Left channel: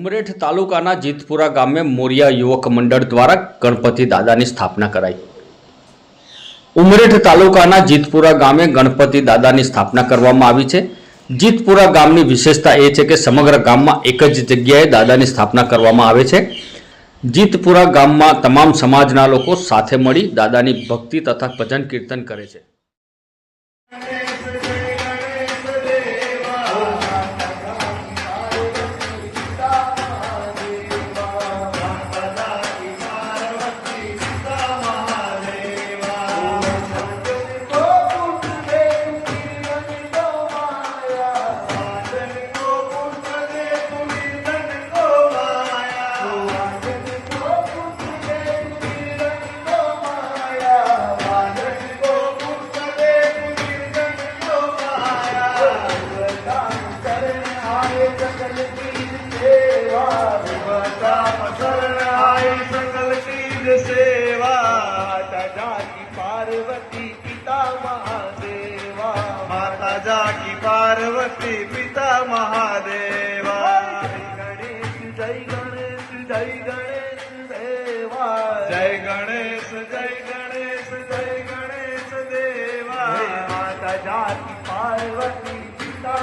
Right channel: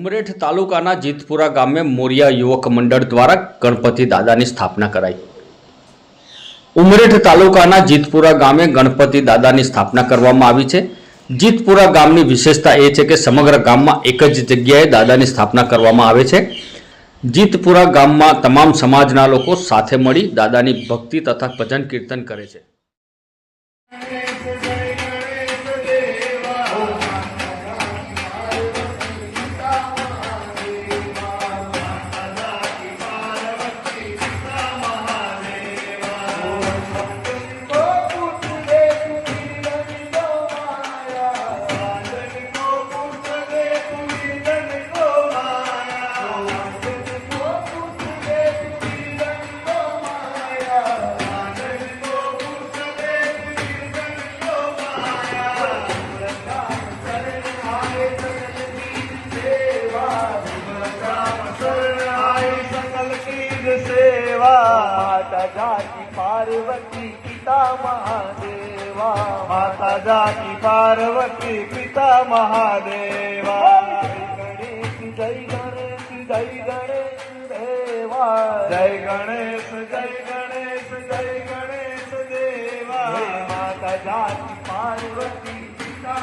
ઉમરેઠ તાલુકાના જીતપુરા ગામે મોરિયા યુવક મંડળ દ્વારા ગણપતિ દાદાની સ્થાપના કરાઈ। ઉમરેઠ તાલુકાના જીતપુરા ગામે ગણપતિ દાદાની સ્થાપના કરવામાં આવી છે। જીતપુરા ગામની વિશેષતા એ છે કે સમગ્ર ગામમાં એક જ જગ્યાએ દાદાની સ્થાપના કરવામાં આવે છે। જીતપુરા ગામમાં તમામ સમાજના લોકો સાથે મળી દાદાની ભક્તિ તથા ભજન કીર્તન કરે છે। पार्वती पिता महादेवा माता जाकी पार्वती पिता महादेवा जय गणेश जय गणेश देवा जय गणेश जय गणेश जय गणेश देवा माता जाकी पार्वती पिता